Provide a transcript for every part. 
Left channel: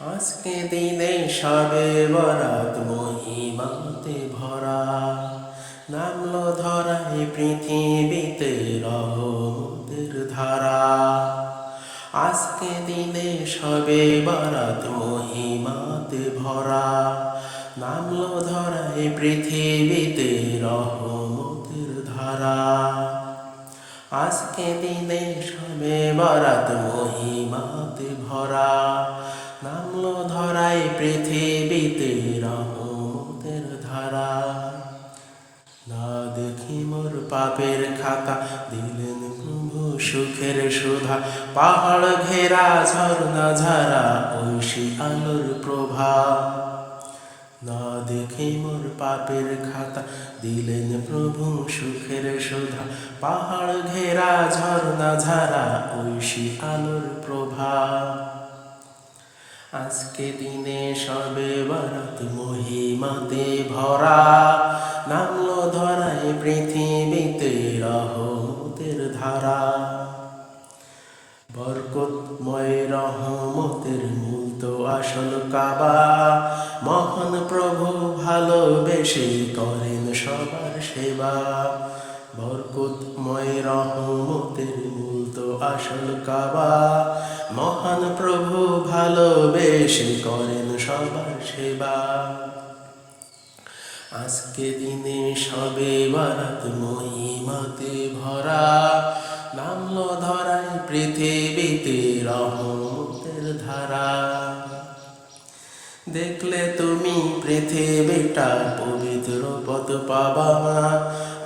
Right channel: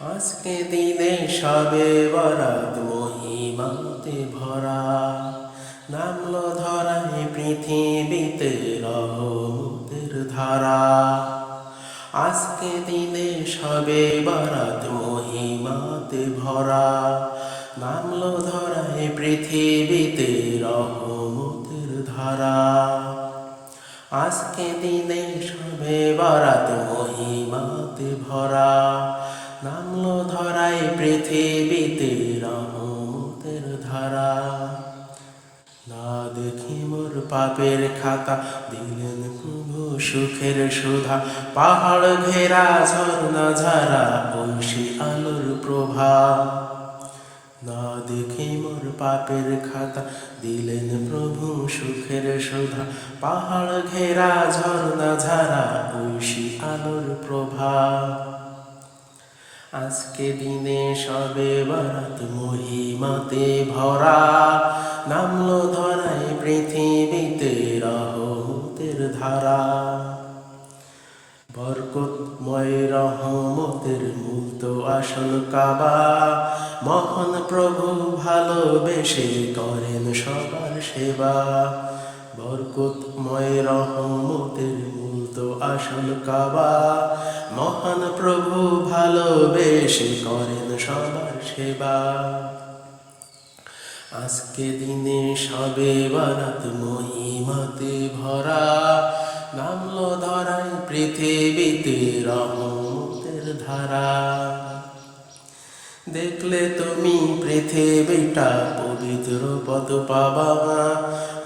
আজকে দিনে সবে বরাত মহিমাতে ভরা। নামলো ধরায় পৃথিবীতে রহমতের ধারা। আজকে দিনে সবে বরাত মহিমাতে ভরা। নামলো ধরায় পৃথিবীতে রহমতের ধারা। আজকে দিনে সবে বরাত মহিমাতে ভরা। নামলো ধরায় পৃথিবীতে রহমতের ধারা। না দেখি মোর পাপের খাতা, দিলেন প্রভু সুখের সুধা। পাহাড় ঘেরা ঝর্ণা ঝারা ঐশী আলোর প্রভা। না দেখে মোর পাপের খাতা, দিলেন প্রভু সুখের সুধা। পাহাড় ঘেরা ঝর্ণা ঝারা ঐশী আলোর প্রভা। আজকে দিনে সবে বারাত মহিমাতে ভরা, নামলো ধরায় পৃথিবীতে রহমতের ধারা। বরকতময় রহমতের মূল তো আসল কাবা, মহান প্রভু ভালোবেসে করেন সবার সেবা। বরকতময় রহমতের মূল তো আসল কাবা। মহান প্রভু ভালোবেসে করেন সবার সেবা। আজকে দিনে সবে বারাত মহিমাতে ভরা। নামলো ধরায় পৃথিবীতে রহমতের ধারা। দেখলে তুমি পৃথিবীটা পবিত্র পদ পাবা।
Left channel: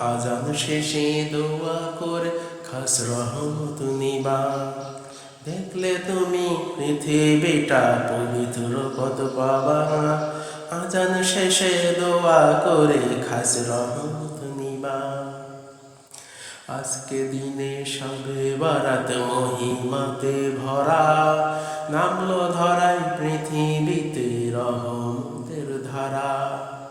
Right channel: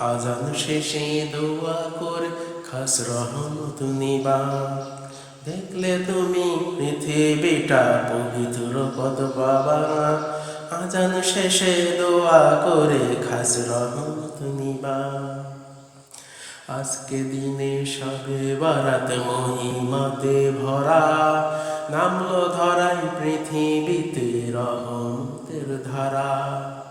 আজান শেষে দোয়া করে খাস রহমত নিবা। দেখলে তুমি পৃথিবীটা পবিত্র পদ পাবা। আজান শেষে দোয়া করে খাস রহমত নিবা। আজকে দিনে সবে বারাত মহিমাতে ভরা। নামলো ধরাই পৃথিবীতে রহমতের ধারা।